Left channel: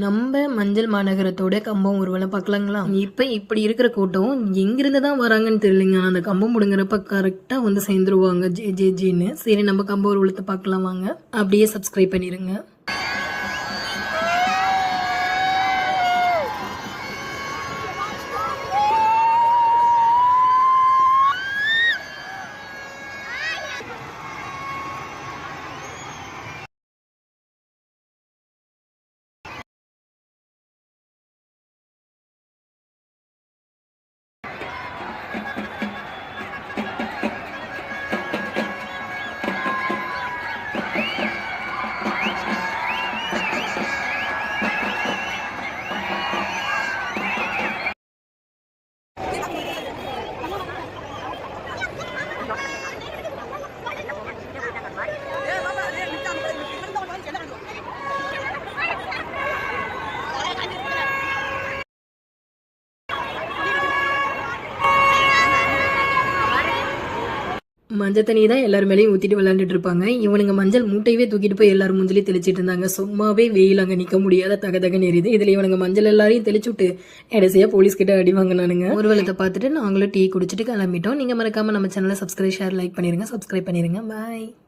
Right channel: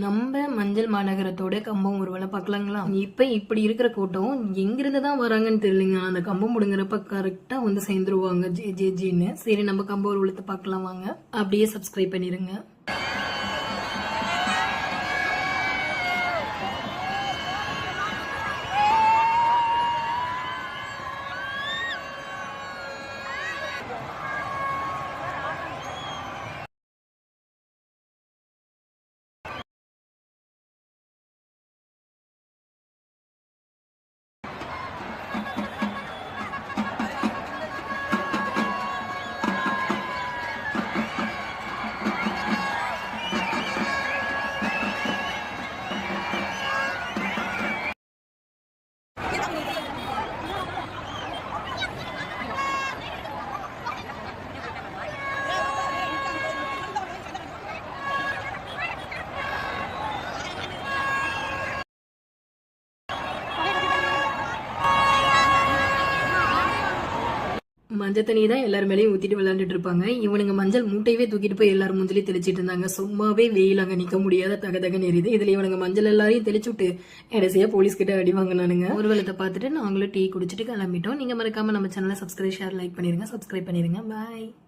நம்ம மஞ்சள் மாநகரத்தோட கம்பம் ஊர்வலம் பார்க்கலாங்களா? இப்ப இப்படி இருக்கிற கூட்டம் எங்கிருந்து தான் வராங்கன்னு தெரியலங்க. ஆனா அந்த கம்பம் முடுங்குறப்ப கரெக்டா வந்து சேர்ந்துருவாங்க ஜே ஜே ஜின்னு. சரி, நம்ம கம்ப ஊர்வலத்தை பார்க்கலாம் வாங்க. அப்படியே சப்ஸ்கிரைப் பண்ணிருங்க. மஞ்சள் தண்ணி தான் எல்லாரும் மேலேயும் ஊற்றிட்டு விளையாண்டுட்டு இருப்பாங்க. இவனுங்க மஞ்சள் மூட்டையவே தூக்கிட்டு போய் எல்லாரும் மூஞ்சிலையும் தெளிச்சிட்டு இருந்தாங்க. சும்மாவே வெயில் அங்கே நிற்க முடியாத தகதகன்னு எரியுது. இதில் இவனுங்க மஞ்சள் எல்லாரையும் தெளிச்சு விட்டு கடைசியாக போலீஸ் கிட்ட அடி வாங்கினானுங்க. ஊர்வலத்தை பார்த்துட்டு நாங்களும் டீ குடிச்சிட்டு கிளம்பிட்டோம். நீங்கள் மறக்காம நம்ம சேனலை சப்ஸ்கிரைப், ஷேர், லைக் பண்ணிருங்க. சப்ஸ்கிரைப் பண்ணிருங்க. பாய்.